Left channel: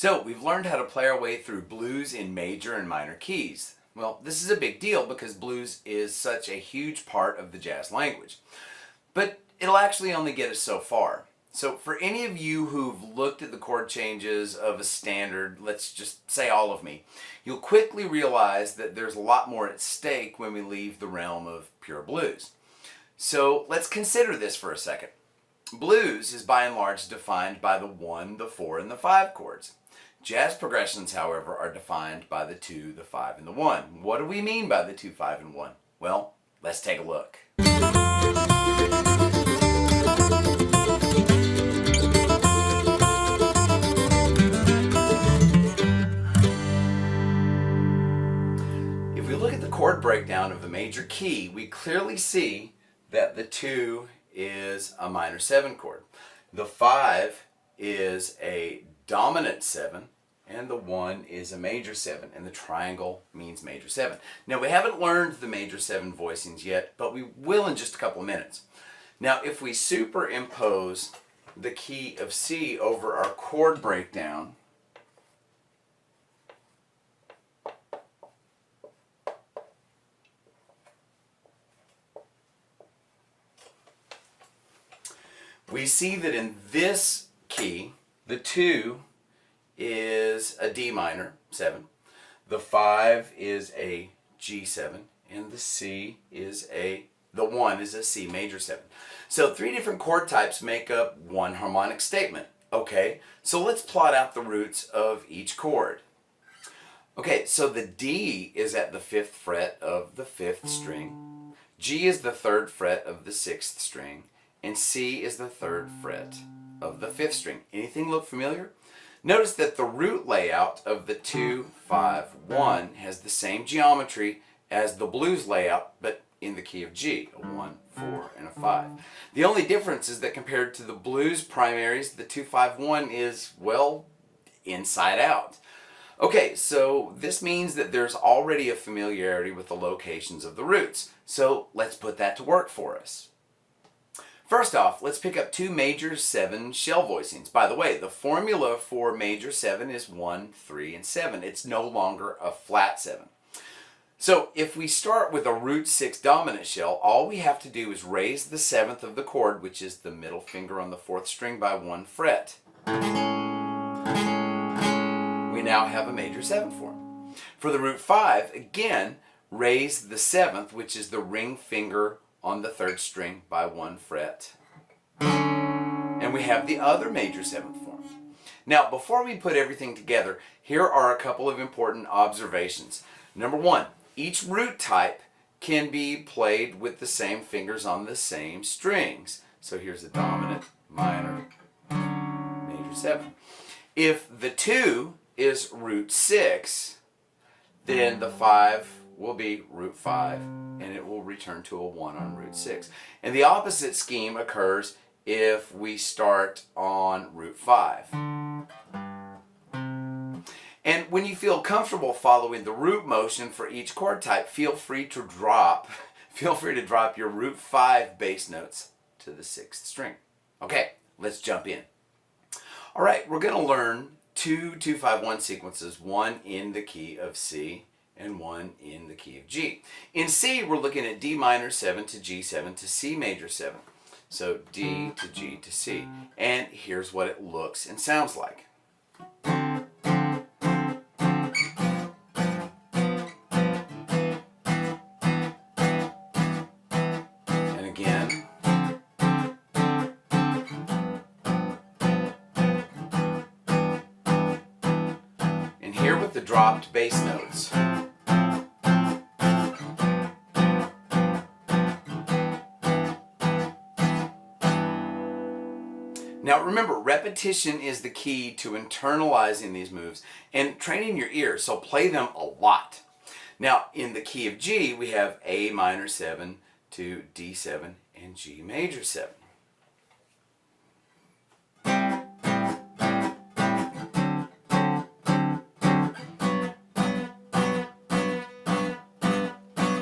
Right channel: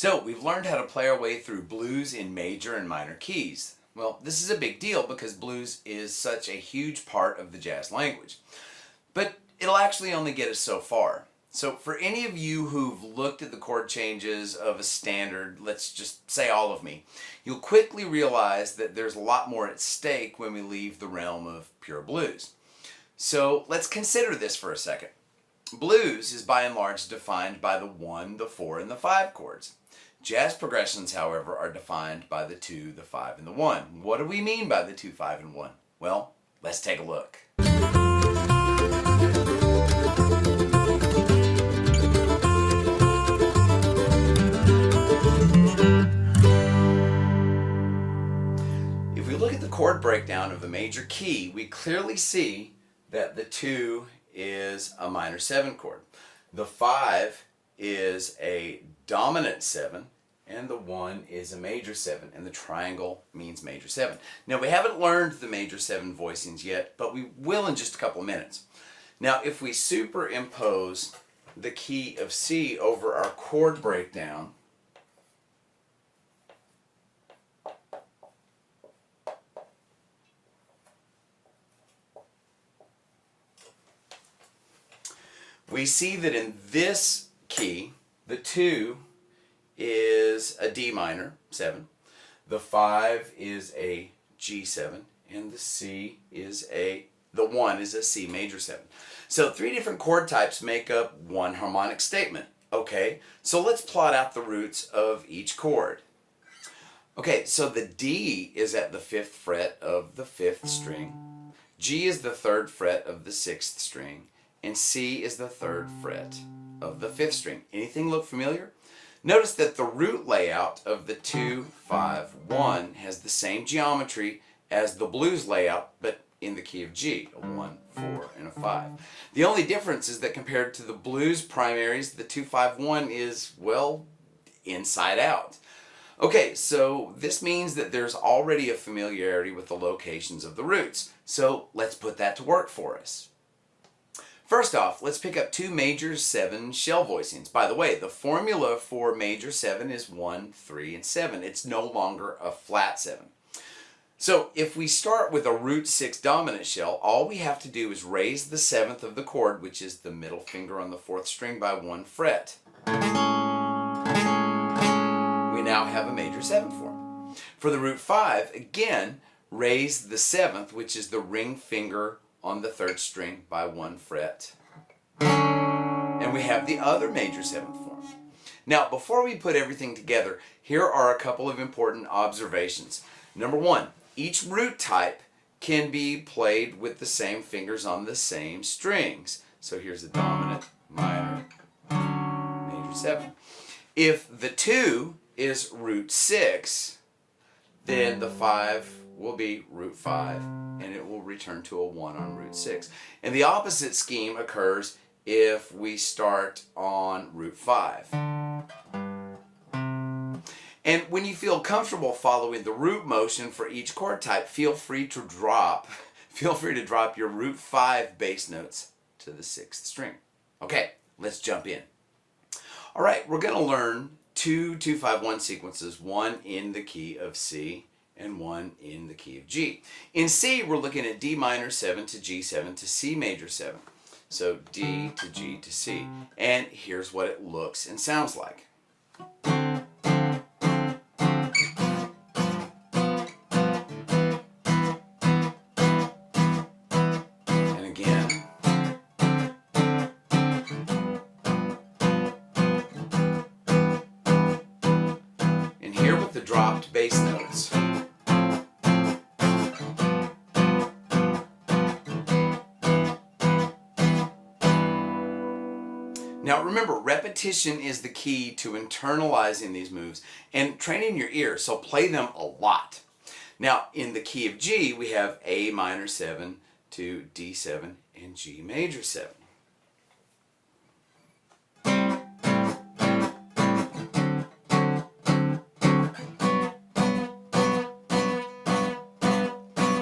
So we've learned how to play our way through blues in major and minor keys. Well, this is a big deal because blues is such a huge part of the jazz language. But it'll actually only get us so far. So for any of you who've looked at the chord changes of a standard, let's just say all of me, you'll quickly realize that there's a lot more at stake when we leave the realm of pure blues. So let's consider this for a second. Blues is by and large defined by the 1, the 4, and the 5 chords. Jazz progressions, however, are defined by the 2, the 5, and the 1. What do we mean by the 2, 5, and 1? Well, let's take a look. If we look at the chord breakdown of a major key, we clearly see that the 2 is a minor 7 chord. The 5 is a dominant 7, and the 1 is a major 7, and the triangle means major 7. Now, we haven't learned the major 7 voicings yet, but we will in just a couple minutes. Now, if we superimpose the key of C over our chord breakdown, we see that in this key, the 2 is a D minor 7, the 5 is a G7, and the 1 is a C major 7. So 3 different chord types make up one harmonic statement. Okay, so let's plot out the roots of each chord. Okay, so the D is at the 5th fret of the 5th string, G is the 3rd fret of the 6th string, and C is the 3rd fret of the 5th string. Anything look familiar? Notice that the root layout of the 2, 5, 1 has the same geometry as the blues layout, but in the key of G, a 1, 4, and a 5. The only difference is that compared to the blues primaries, the 2, 5, 1 is, well, inside out. Okay, so this means that there's already a familiarity with the locations of the roots. So let's put that to work for us. First off, let's pick up 2 major 7 shell voicings. By the way, the formula for major 7 is 1, 3, and 7. It's no longer a flat 7. So if we start with a root 6 dominant shell, all we have to do is raise the 7th of the chord, which is the middle finger on the 4th string, by 1 fret. We now have a major 7 form. For the root 5, again, raise the 7th, which is the ring finger on the 3rd string, by 1 fret. And we have the other major 7th form. Now, before we put everything together, here are a couple of important observations. Number 1, each root type can be played with the same fingers on the same strings. So here's a dominant, minor, major 7. If the 2 is root 6, then the 5 will be root 5, and it will return to a 1 on root 6. And the opposite scheme occurs if we start on root 5. And when you feel comfortable following the root motion for each chord type, feel free to drop your root 5 bass notes to the 6th string. Okay, let's jump in. All right, we're going to learn 2 2-5-1 sequences, one in the key of C and one in the key of G. In C, we're looking at D minor 7 to G7 to C major 7. So D to G to C. And here's what it looks and sounds like. And again. And here with the dropped bass notes. Now remember, repetition is the key to internalizing these moves and training your ear, so play them a lot. Now in the key of G, we have A minor 7 to D7 and G major 7.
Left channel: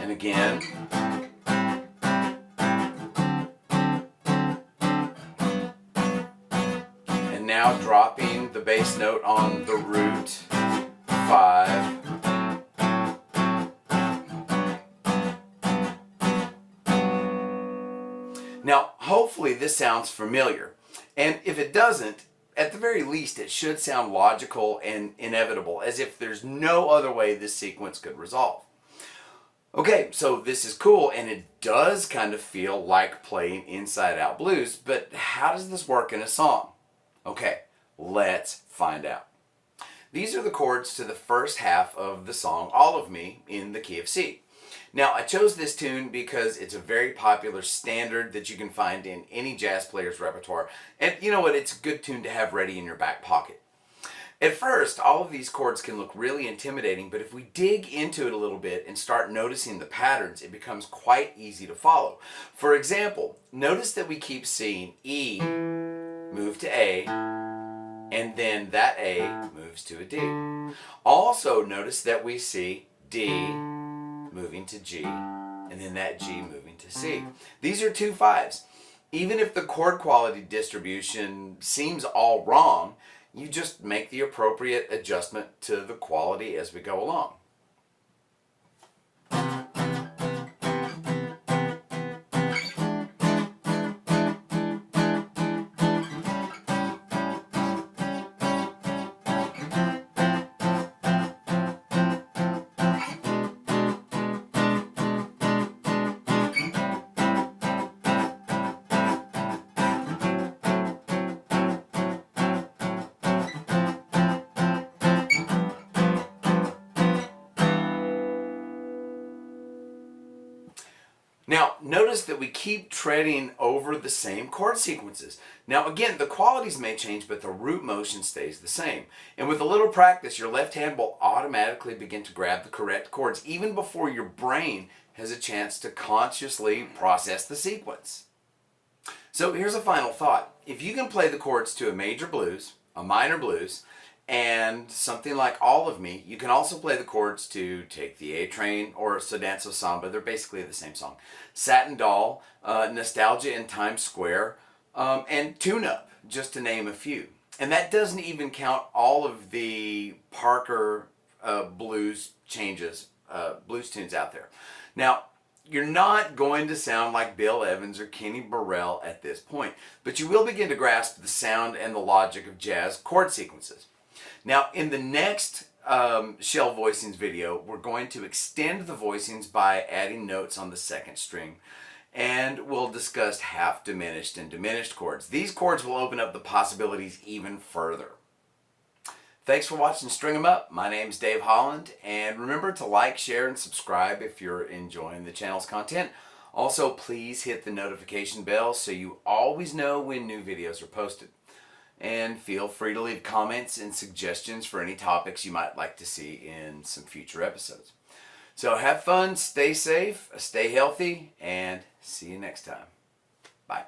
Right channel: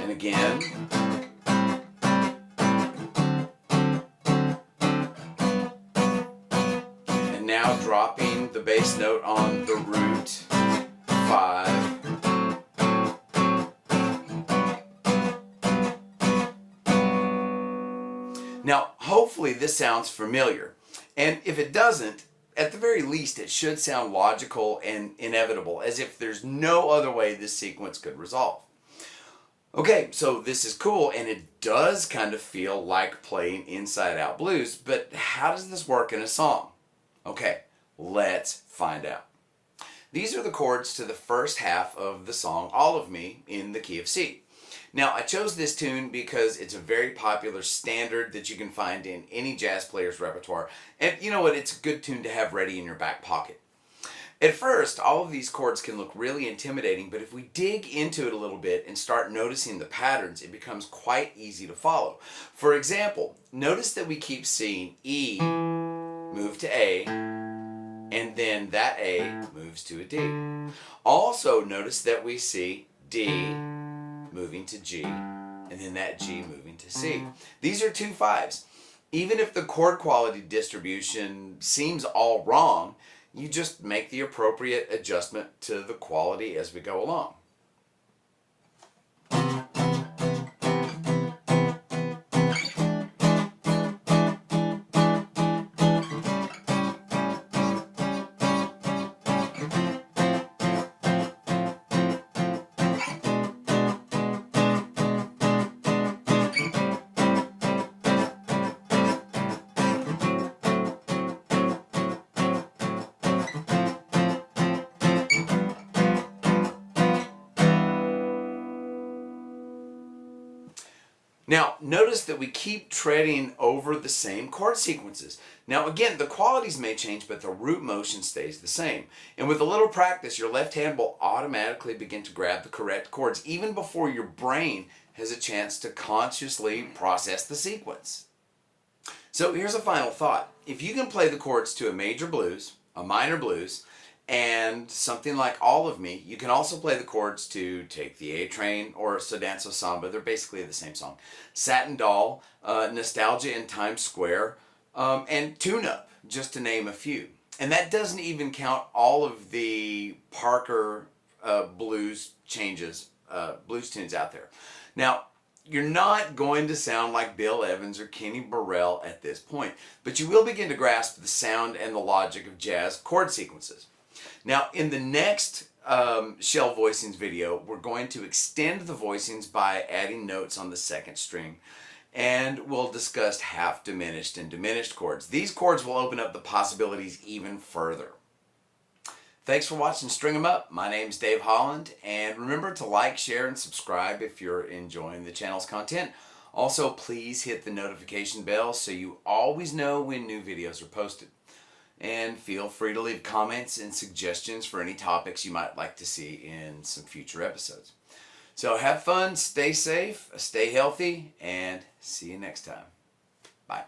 And again. now dropping the bass note on the root 5. Now, hopefully this sounds familiar, and if it doesn't, at the very least it should sound logical and inevitable, as if there's no other way this sequence could resolve. Okay, so this is cool, and it does kind of feel like playing Inside Out Blues, but how does this work in a song? Okay, let's find out. These are the chords to the first half of the song, All of Me, in the key of C. Now, I chose this tune because it's a very popular standard that you can find in any jazz player's repertoire. And you know what? It's a good tune to have ready in your back pocket. At first, all of these chords can look really intimidating, but if we dig into it a little bit and start noticing the patterns, it becomes quite easy to follow. For example, notice that we keep seeing E move to A, and then that A moves to a D. Also, notice that we see D moving to G, and then that G moving to C. These are 2 5s. Even if the chord quality distribution seems all wrong, you just make the appropriate adjustment to the quality as we go along. Now, notice that we keep treading over the same chord sequences. Now, again, the qualities may change, but the root motion stays the same. And with a little practice, your left hand will automatically begin to grab the correct chords, even before your brain has a chance to consciously process the sequence. So here's a final thought. If you can play the chords to a major blues, a minor blues, and something like All of Me, you can also play the chords to Take the A Train or So Danso Samba. They're basically the same song. Satin Doll, Nostalgia in Times Square, and Tune Up, just to name a few. And that doesn't even count all of the Parker blues changes, blues tunes out there. Now, you're not going to sound like Bill Evans or Kenny Burrell at this point, but you will begin to grasp the sound and the logic of jazz chord sequences. Now, in the next Shell Voicings video, we're going to extend the voicings by adding notes on the second string, and we'll discuss half diminished and diminished chords. These chords will open up the possibilities even further. Thanks for watching String 'em Up. My name's Dave Holland, and remember to like, share, and subscribe if you're enjoying the channel's content. Also, please hit the notification bell so you always know when new videos are posted. And feel free to leave comments and suggestions for any topics you might like to see in some future episodes. So have fun, stay safe, stay healthy, and see you next time. Bye.